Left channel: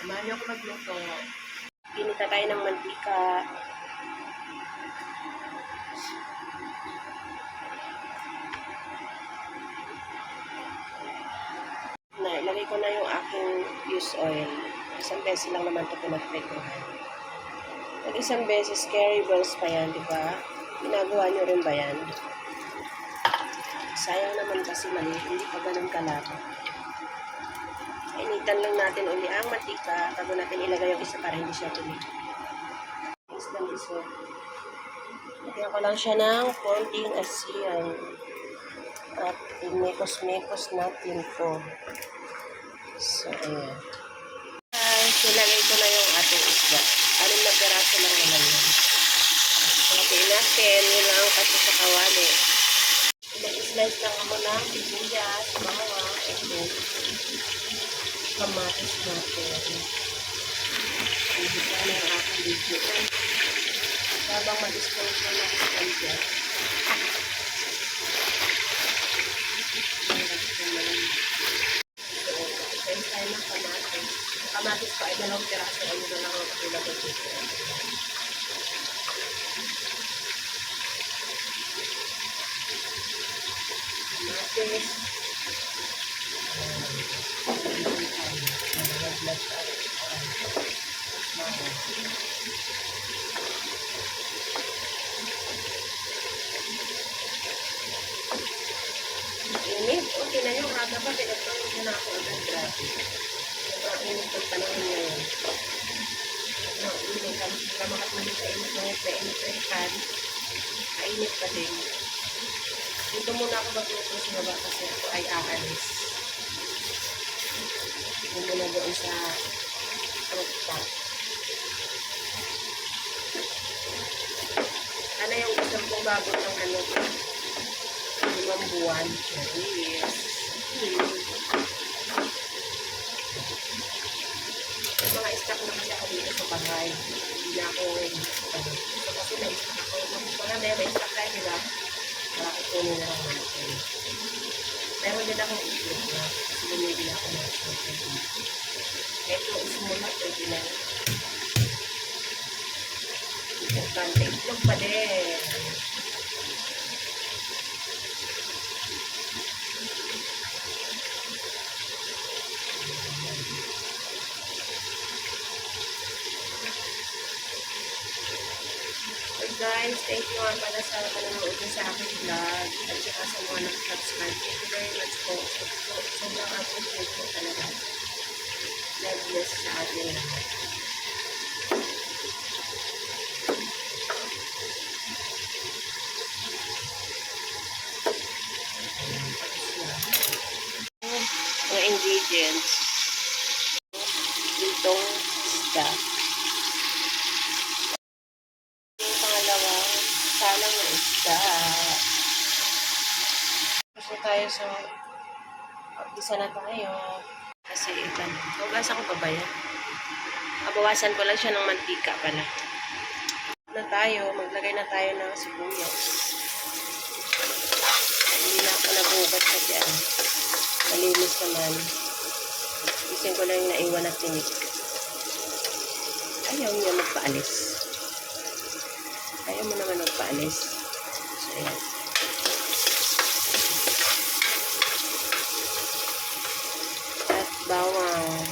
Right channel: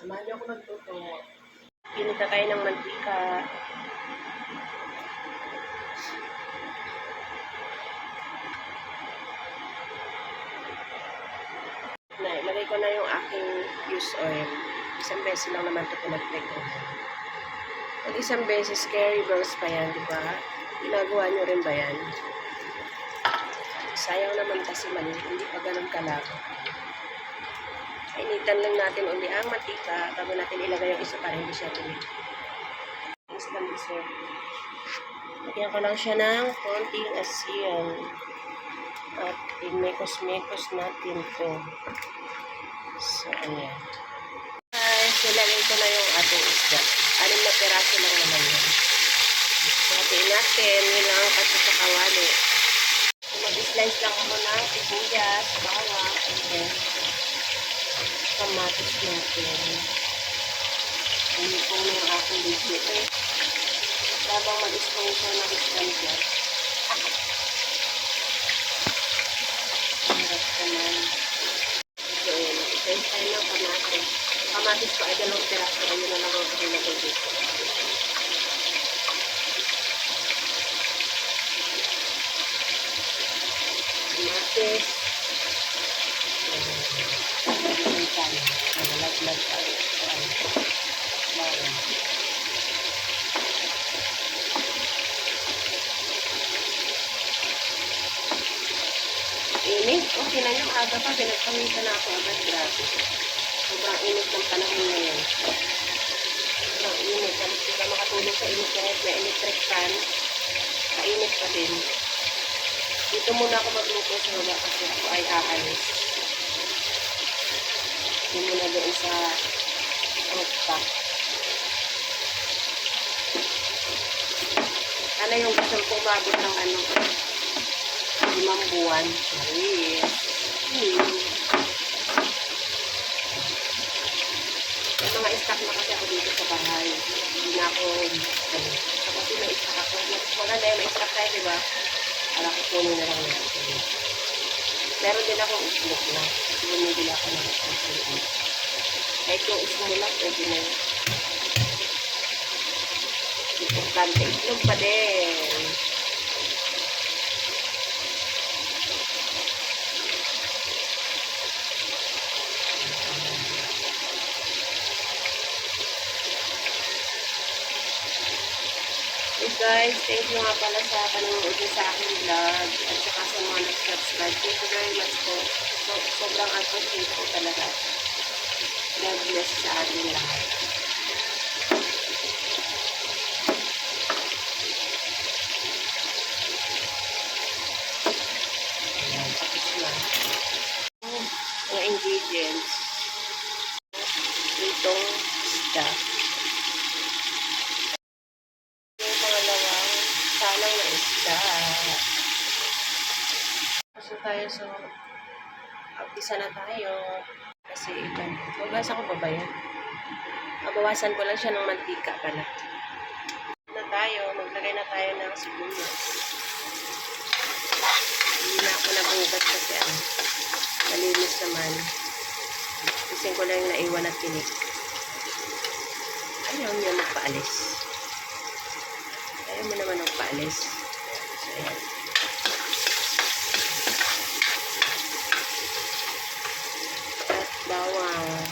Samahan niyo ako magluto. Inita tayo ng mantika. Ilagay ko na yung aking used oil. Isang beses lang naman ito pinagprekohan. Pag isang beses, carry bells pa yan, di ba? Ginagawa nyo rin ba yan? Sayang naman kasi mali, hindi pa ganun kalabo. Initan lang natin uli ang mantika bago natin ilagay yung isa para hindi siya tuloy. Isang iso. Lagyan ko lang siya ng konting asin. At imekos-mekos natin to. So, ayan. Guys, nilagay ko na yung ating isda. 6 na piraso lang naman yan. So, hatiin natin. Yun lang ang kasi sa kawali. So, mag-slice lang ako ng sibuyas, bawang, and then kamatis natin. Hindi po na yung aking video. Habang mag-sponsor ng isda. Hirap naman. So, mag-slice tayo ng kamatis. Kamatis ko ay 2 piraso. Ayun na lang ang ilagay dito. Kamatis. Nalaglag tayo. Bawang. Init. Okay na yung aga pa. Pinagpamita na ako agad. Grabe. Sobrang init ng panahon ngayon. Sobrang init. Tapos hindi ka makatulog sa init na electric fan. Kainit pa din. Dito muna ako magluto sa baba kasi ako ay aalis. Dito muna doon sa rooftop. Sana yung gusto kong bago ng 5 buwan. Yes. May mga stock na kasi ako dito sa bahay. Hindi na ako, so kasi may stock ako. Wala na may stock tayo, diba? Para kukunin na lang natin. Meron din akong itlog na. Kasi bumibili ako ng itlog. Kahit yung ismo lang, pwede na. Importante, itlog pa din. Guys, thank you nga pala sa panonood niyo sa aking vlog at saka sa mga nag-subscribe. Thank you very much po. Sobrang appreciate po talaga. God bless sa ating lahat. Ayan, tapos na. Mga ingredients. Itong isda. Salang na isda. Kasi tayo so umpisa na tayo. Kasi ilan. Hugasan ko pa ba yan? Bawasan ko lang siya ng mantika pala. Na tayo. Maglagay na tayo ng sibuyas. Hindi na ako nabugat kasi malinis naman. Isin ko lang yung naiwan at tinik. Ayaw niya magpaalis. Ayaw mo naman magpaalis. So, yan. At bawang.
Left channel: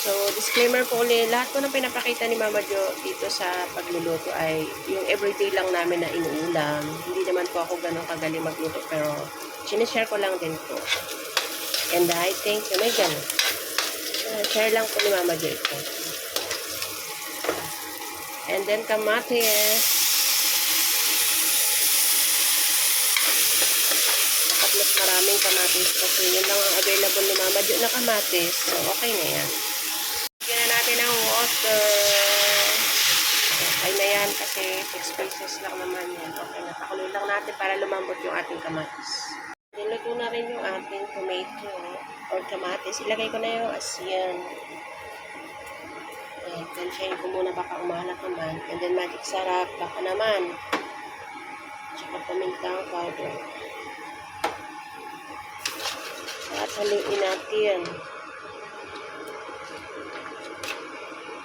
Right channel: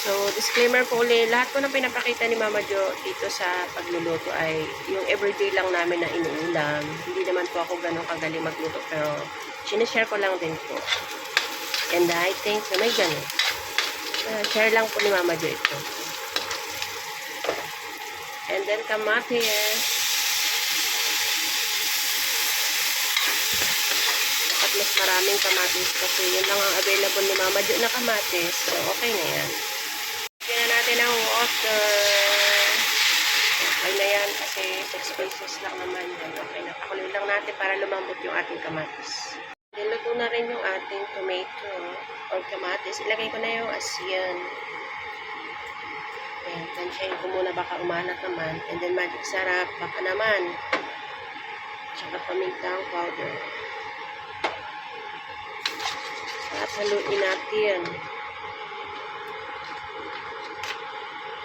So, disclaimer po ulit, lahat po ng pinapakita ni Mama Jo dito sa pagluluto ay yung everyday lang namin na inuulam. Hindi naman po ako ganun kagaling magluto, pero sinishare ko lang din po. And I think na may ganun. Share lang po ni Mama Jo ito. And then kamatis. Dapat mas maraming kamatis kasi yun lang ang available ni Mama Jo na kamatis. So, okay na yan. Bigyan na natin ang water. Okay na yan kasi 6 pieces lang naman yan. Okay na. Pakuloy lang natin para lumambot yung ating kamatis. Niluto na rin yung ating tomato or kamatis. Ilagay ko na yung asin. Ayan. Tansyahin ko muna baka umalat naman. And then magic sarap. Baka naman Tsaka pamintang powder. At haluin natin.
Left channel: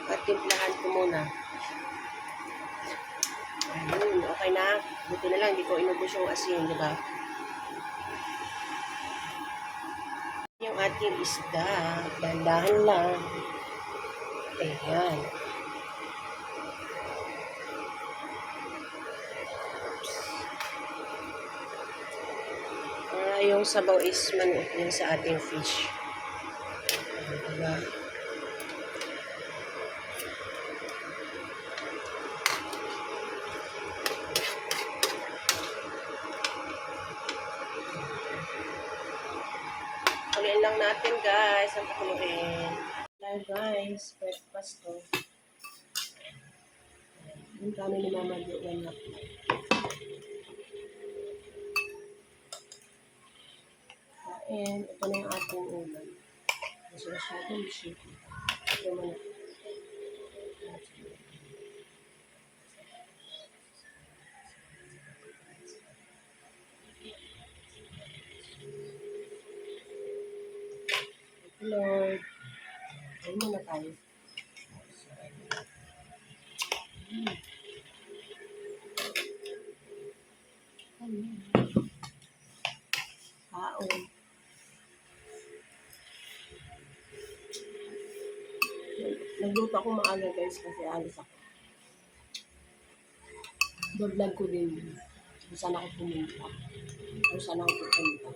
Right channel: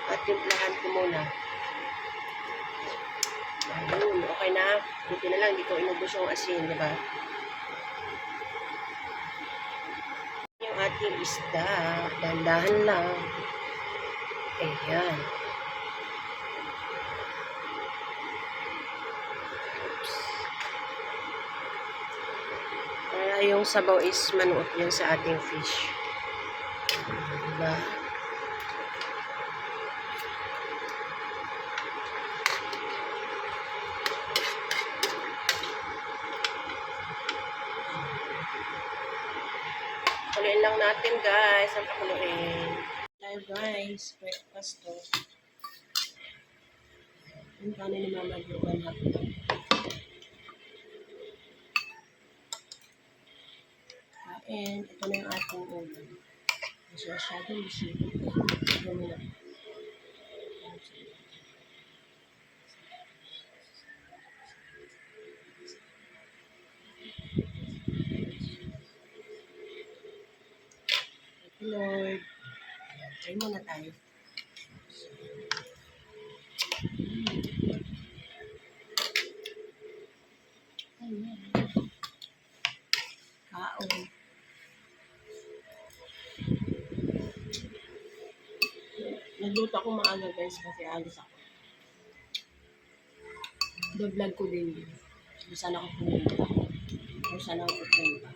At timplahan ko muna. Ayun, okay na. Buti na lang, di ko inubos yung asin, di ba? Yung ating isda, dahan-dahan lang. Ayan. Oops. Para yung sabaw is manuot din sa ating fish. Diba? Pakuluin lang natin guys. Ang pakuluin. Tayo guys. Breakfast to. Yung kanin ni Mama Joan hapon. Kain. Ito na yung ating ulam. Kasi masyadong bisip. Ito muna. Lord. Kain muna tayo. Ayan. Kaon. Nagluto ako maaga guys kasi alis ako. Vlog ko din yun. Kung saan ako pumunta. Kung saan ako pupunta.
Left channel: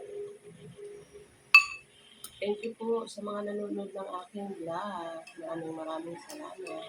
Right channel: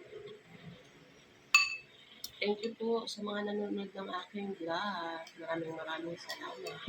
Thank you po sa mga nanonood ng aking vlog. Maraming salamat.